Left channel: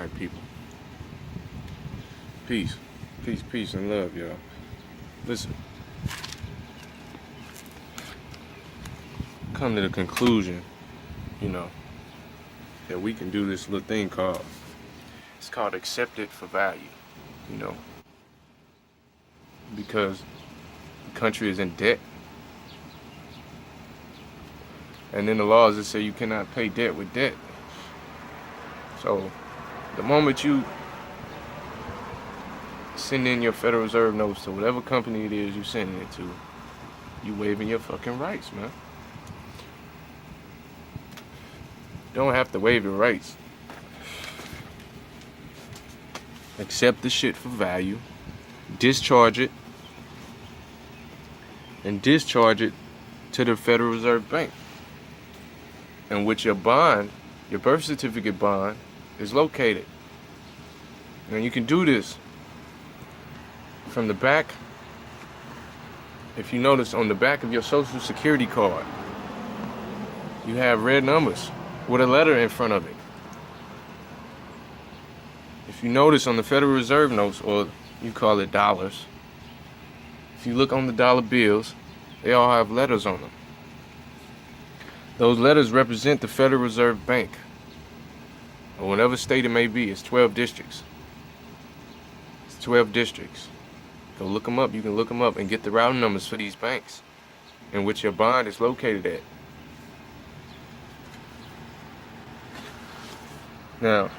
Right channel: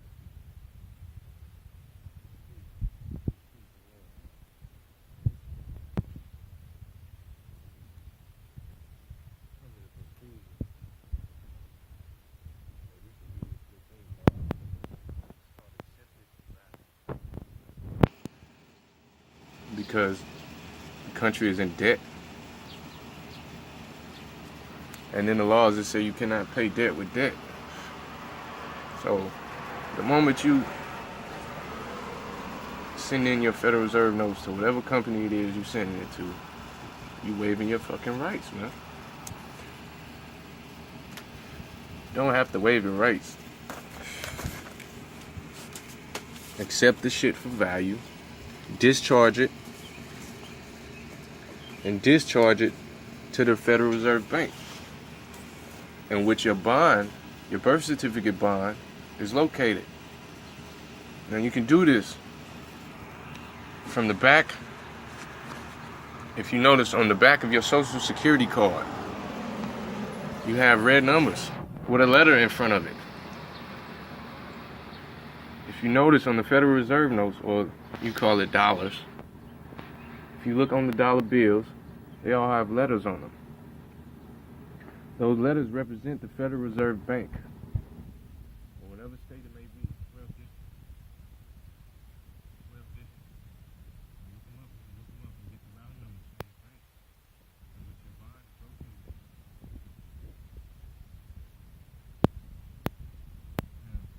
Alright, people. Peace. Peace, peace, and love, y'all. Listen. Come to the conclusion, that we can do this little thing it's called accepted for value, because the country is in debt. And in the laws it say you cannot pay debt with debt. So the moment you send in your Federal Reserve notes to whatever company it is you're sending it to, you waiving your fucking rights, man. You don't have to waive your rights. Accept the shit for value, discharge it, and discharge it to the Federal Reserve Bank, in which your bond, your birth certificate bond, is located. Now you can do this from the back. If you notice, on the back of your Social Security card, you have red numbers with a letter in front of it. If you notice on the Federal Reserve notes, or you call it dollars, if you look on the dollar bills, they all have letters on them. Those letters represent the Federal Reserve Bank, or whatever state it may be. It's 12 districts. It's 12 districts. Go look them up. You can look them up and get the routing numbers for these banks in which your bond is located at. Now,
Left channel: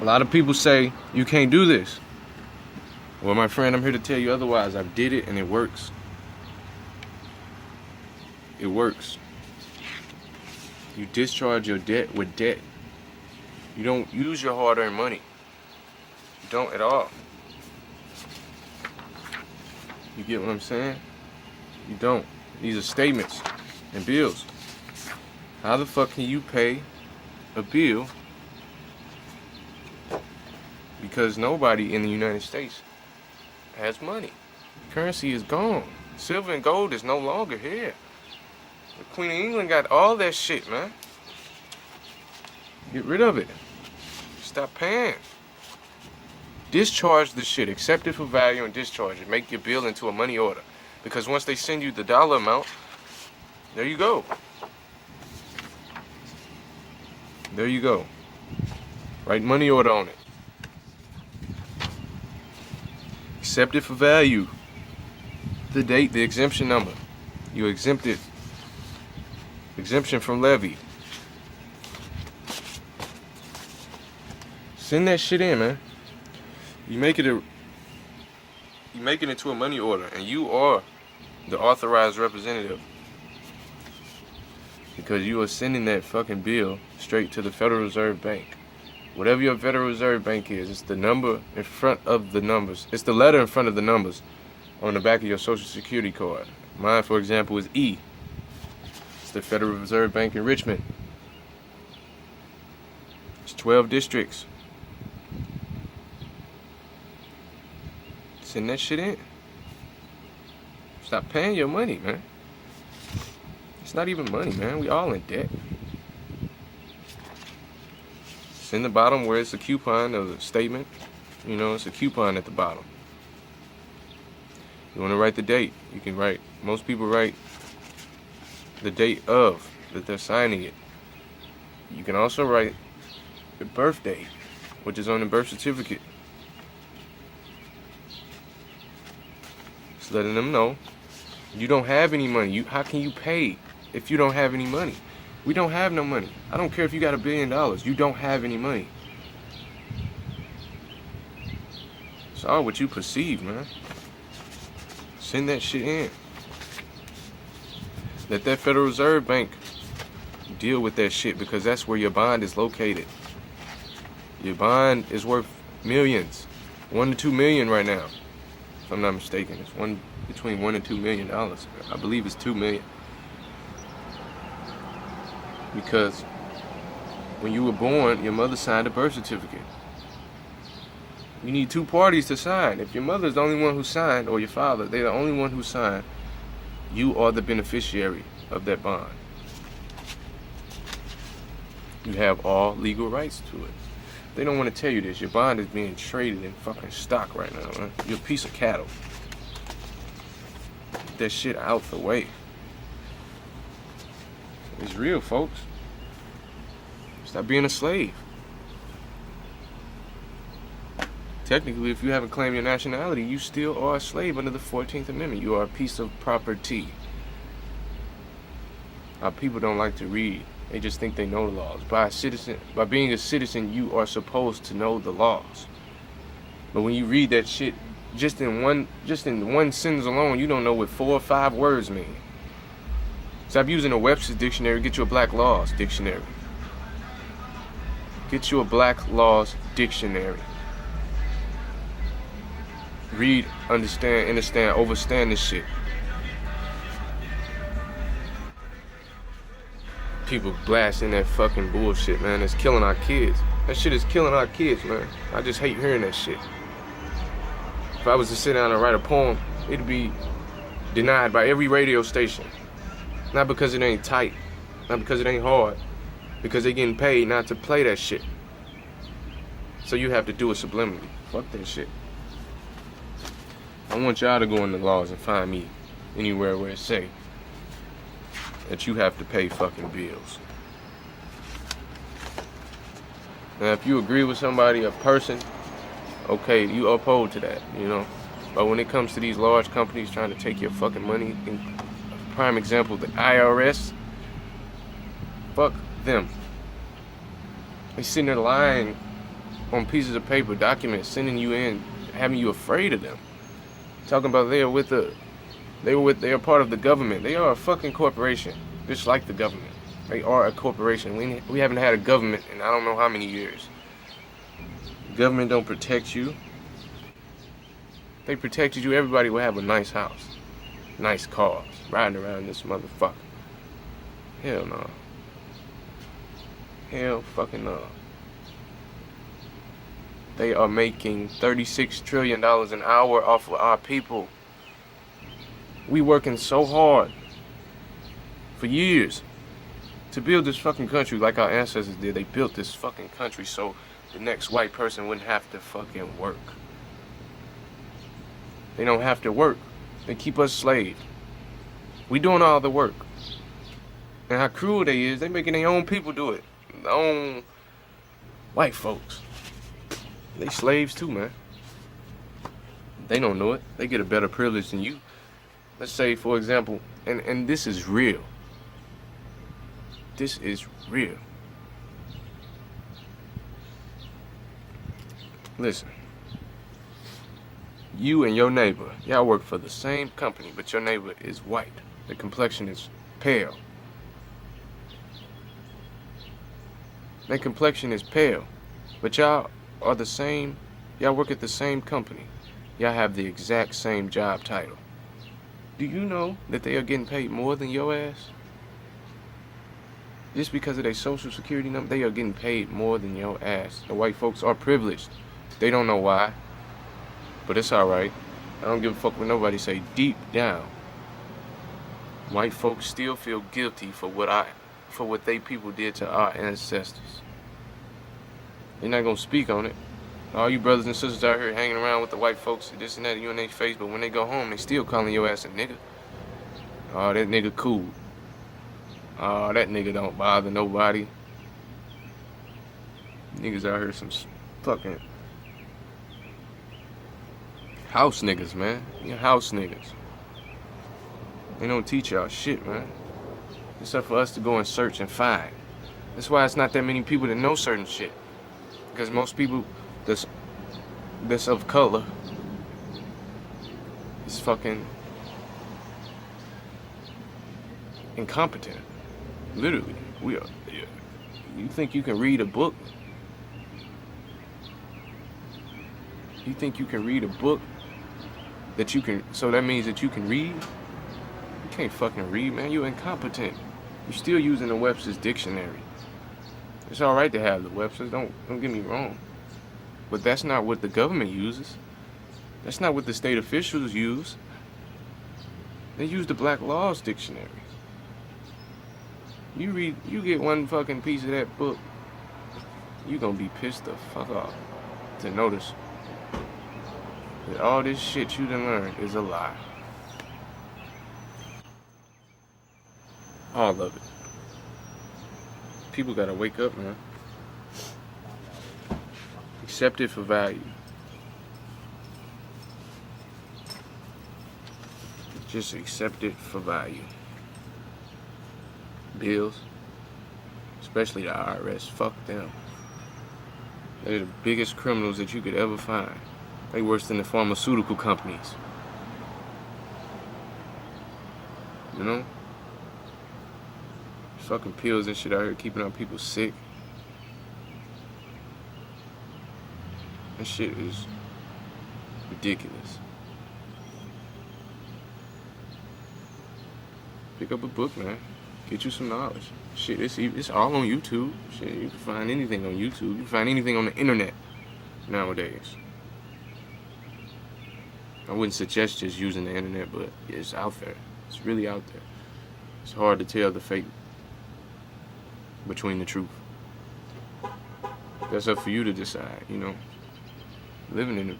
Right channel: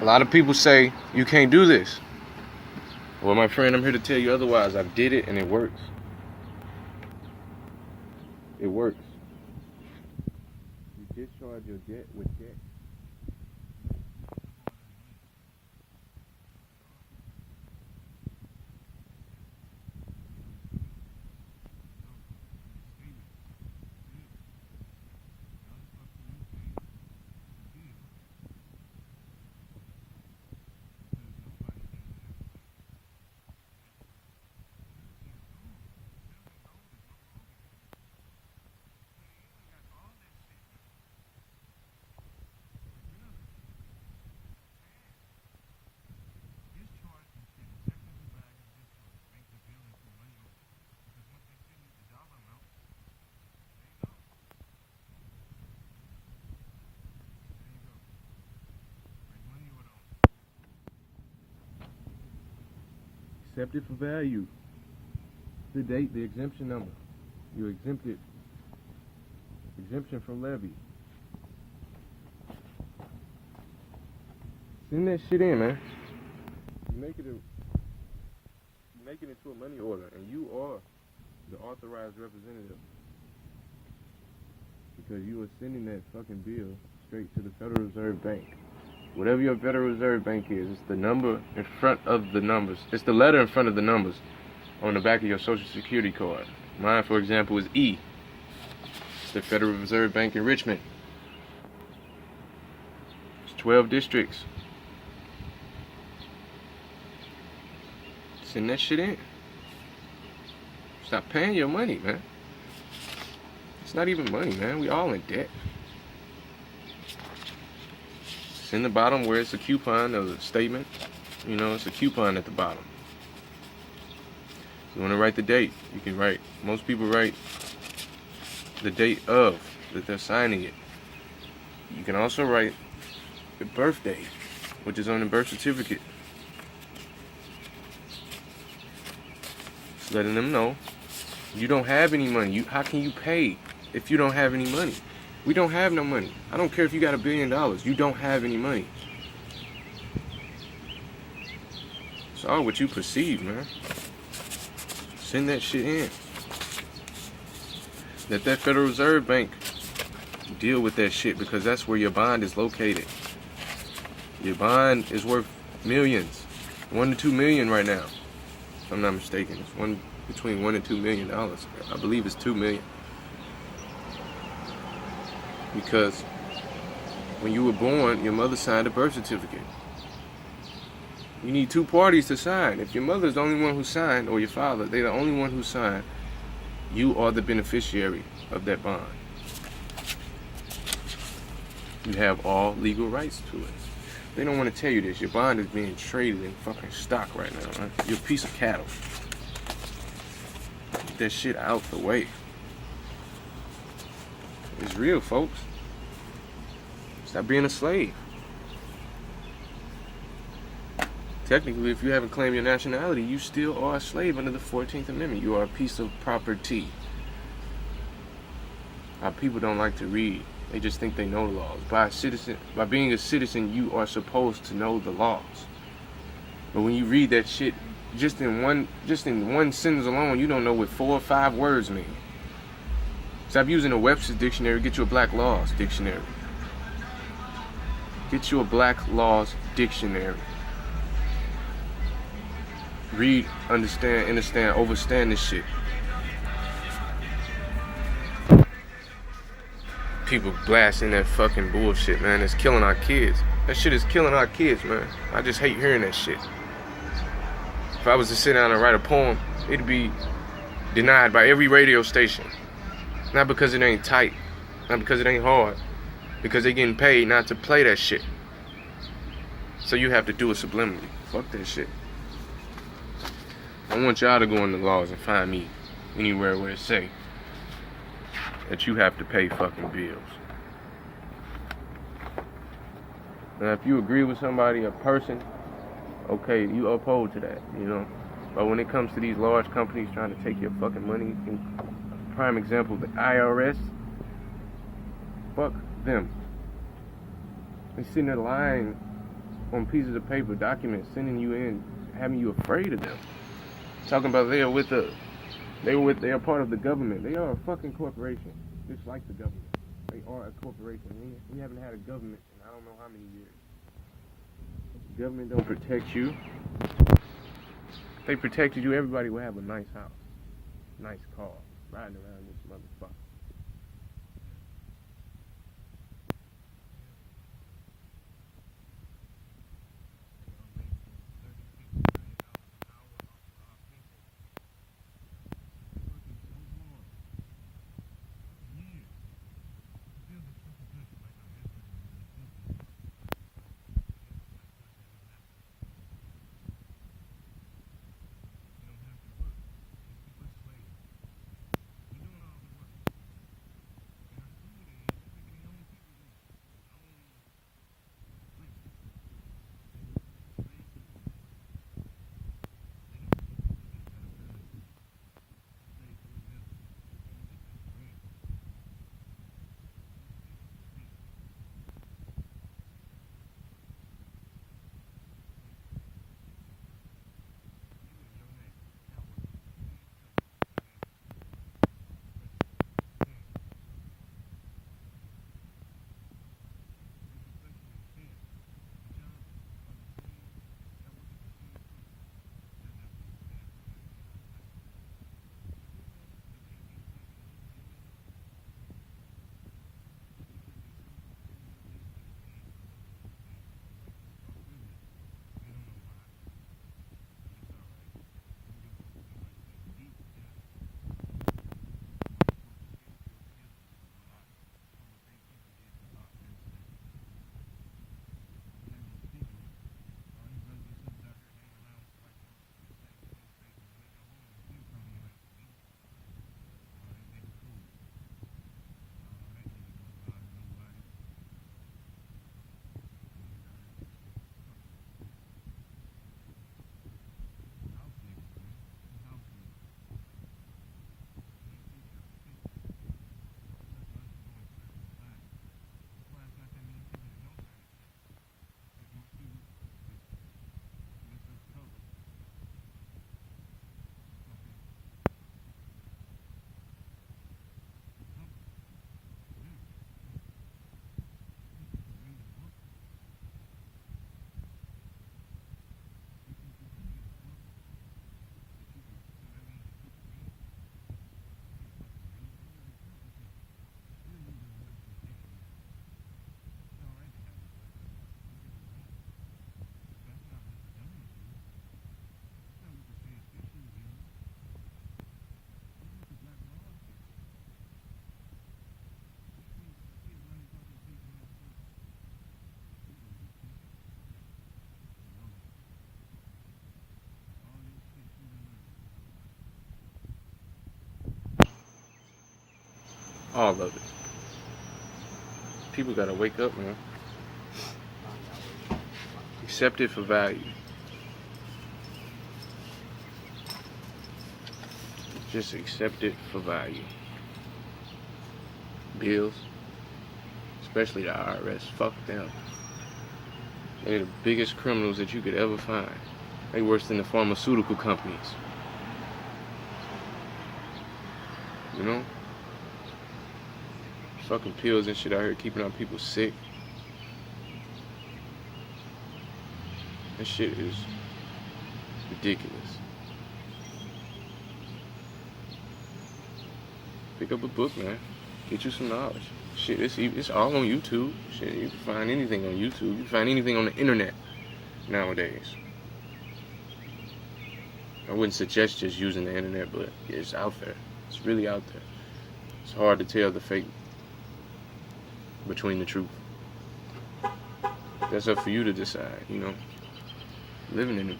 a lot of people say you can't do this. Well, my friend, I'm here to tell you otherwise. I've did it and it works. It works. You discharge your debt with debt. You don't use your hard-earned money. You don't at all. You get what I'm saying? You don't. These are statements and bills. How the fuck can you pay a bill? Because nobody in the United States has money. Currency is gone. Silver and gold is no longer here. The Queen of England got all that shit, man. Get rid of it. Stop paying. Discharge the shit. Accept it for value and discharge it. Make your bill into a money order. Because once they send you the dollar amount, there you go. There you go. Write money order on it. Accept it for value. The date, the exemption number. You exempted. Exemption from levy. Send that shit in, man. You make it into a money order, and you are the authorized representative. Because you are sending that fucking bill straight to the Federal Reserve Bank. Whatever your Federal Reserve Bank is, it's the number in front of the numbers. It's the letter in front of the numbers on the back of your Social Security card. Mine, for example, is E. It's the Federal Reserve Bank in Richmond. It's 12 districts. Send that shit in. Stop paying your money, man. It's not even money, man. We all in debt. It's in the bottom where it's a coupon of the statement. It's a coupon at the bottom. You want to write the date, you can write. Most people write the date of that they're signing it. You can also write the birth date, which is on the birth certificate. Just letting them know you don't have any money. How can you pay if you don't have any money? We don't have no money. I don't care if you got $1 billion. You don't have any money. It's all what you perceive, man. Send that shit in. Let that Federal Reserve Bank deal with that shit, because that's where your bond is located. Your bond is worth millions. $1 to $2 million right now, if I'm not mistaken. It's between $1 and $2 million. I believe it's $2 million. Because when you were born, your mother signed a birth certificate. You need two parties to sign. If your mother's the only one who signed, or your father, they're the only one who signed, you are the beneficiary of that bond. You have all legal rights to it. They don't want to tell you this. Your bond is being traded in fucking stock right now, man. You're a piece of cattle. Get that shit out the way. It's real, folks. Stop being a slave. Technically, if you haven't claimed your nationality, you still are a slave under the 14th Amendment. You are a piece of property. Our people don't like to read. They just think they know the laws. By being a citizen, you are supposed to know the laws. But when you read that shit, just in one sentence alone, you don't know what 4 or 5 words mean. Stop using a Webster's dictionary. Get you a Black Laws dictionary. Get you a Black Laws dictionary. Read, understand, overstand this shit. People blasting that fucking bullshit, man. It's killing our kids. That shit is killing our kids, man. I just hate hearing that shit. If I was to sit down and write a poem, it'd be denied by every radio station. Not because it ain't tight. Not because it ain't hard. Because they getting paid not to play that shit. So you have to do it subliminally. Fuck that shit. I want y'all to go in the laws and find me anywhere where it say that you have to pay fucking bills. Now, if you agree with somebody, a person, okay, you uphold to that, you know. But when it comes to these large companies trying to take your fucking money, prime example, the IRS, fuck them. They sitting there lying on pieces of paper, documents, sending you in, having you afraid of them. Talking about they are part of the government. They are a fucking corporation, just like the government. They are a corporation. We haven't had a government in I don't know how many years. Government don't protect you. If they protected you, everybody would have a nice house, nice cars, riding around this motherfucker. Hell no. Hell fucking no. They are making $36 trillion an hour off of our people. We working so hard for years to build this fucking country like our ancestors did. They built this fucking country so the next white person wouldn't have to fucking work. They don't have to work. They keep us slaves. We doing all the work. And how cruel they is, they making their own people do it. Their own white folks. They slaves too, man. They don't know it. They get a better privilege than you. Let's say, for example, and this is real. This is real. Listen. You and your neighbor, y'all work for the same company, but your neighbor is white. The complexion is pale. Their complexion is pale. But y'all are the same. Y'all work at the same company. Y'all have the exact same job title. Do you know that they are getting paid more than your ass? Just because of their social security number, they are getting paid more than your ass. The white folks are privileged. They don't know why. But it's alright. I don't give a fuck what nobody say. Deep down, white folks still feel guilty for what they people did to our ancestors. They're not gonna speak on it. All you brothers and sisters out here hanging around with the white folks, this and that, you in their face, but when they go home, they still calling your ass a nigga. Oh, that nigga cool. Oh, that nigga don't bother nobody. Niggas out here some fucking house niggas, man. You house niggas. They don't teach y'all shit, man. It's up for us to go and search and find. That's why it's not that many people that know certain shit. Because most people that's of color is fucking incompetent. Literally. We are. You think you can read a book? You think you can read a book that you can, so that means that you can read? You can't fucking read, man. You're incompetent. You're still using the Webster's dictionary. It's alright to have the Webster's, don't get me wrong. But that's not what the government uses. That's not what the state officials use. They use the Black Laws dictionary. You get one fucking piece of that book, you gonna be pissed the fuck off to notice that all this shit you done learned is a lie. All of it. People gotta wake up, man. Accept it for value. Just accept it for value. Bills, especially the IRS, fuck them. They're the biggest criminals that you could ever find. They worse than the pharmaceutical companies. You know? Fucking pills and shit out here keeping our people sick. That shit is ridiculous. Pick up a book, man. Get you some knowledge. Shit, it's all on YouTube. Shit, you can find anything on YouTube. You can find anything on the internet nowadays. I wouldn't suggest just using the internet, but it's out there. It's really out there. It's hard to tell the fake between the truth. That's up for you to decide, you know. Living in a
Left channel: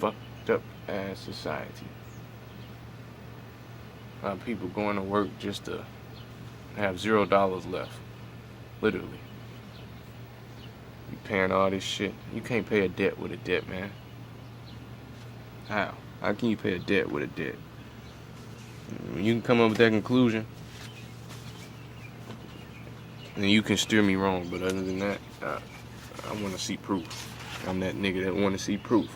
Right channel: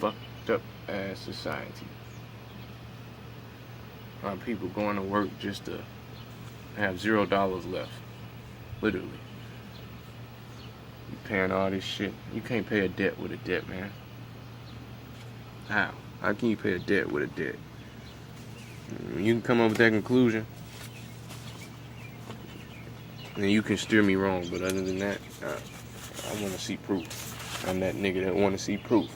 fucked up ass society. People going to work just to have $0 left. Literally. You paying all this shit. You can't pay a debt with a debt, man. How? How can you pay a debt with a debt? You can come up with that conclusion, and you can steer me wrong, but other than that, I want to see proof. I'm that nigga that want to see proof.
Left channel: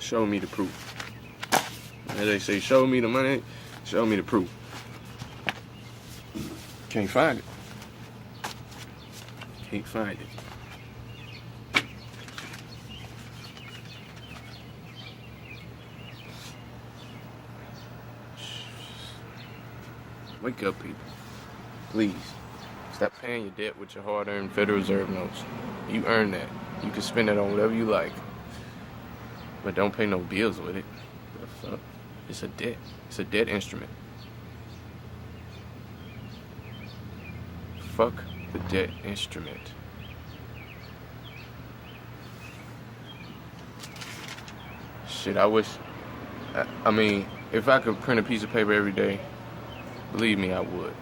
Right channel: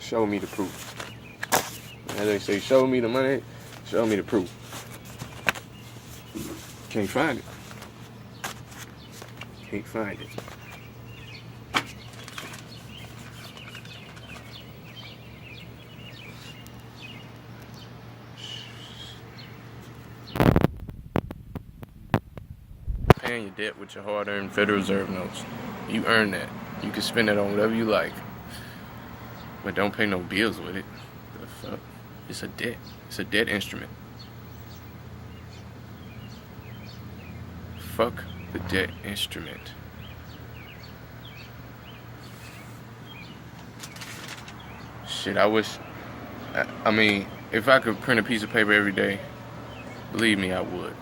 Show me the proof. As they say, show me the money, show me the proof. Can't find it. Can't find it. Wake up, people. Please. Stop paying your debt with your hard-earned Federal Reserve notes. You earn that. You can spend it on whatever you like. But don't pay no bills with it. The fuck? It's a debt. It's a debt instrument. Fuck the debt instrument. Shit, I wish... I mean, if I could print a piece of paper every day, believe me, I would.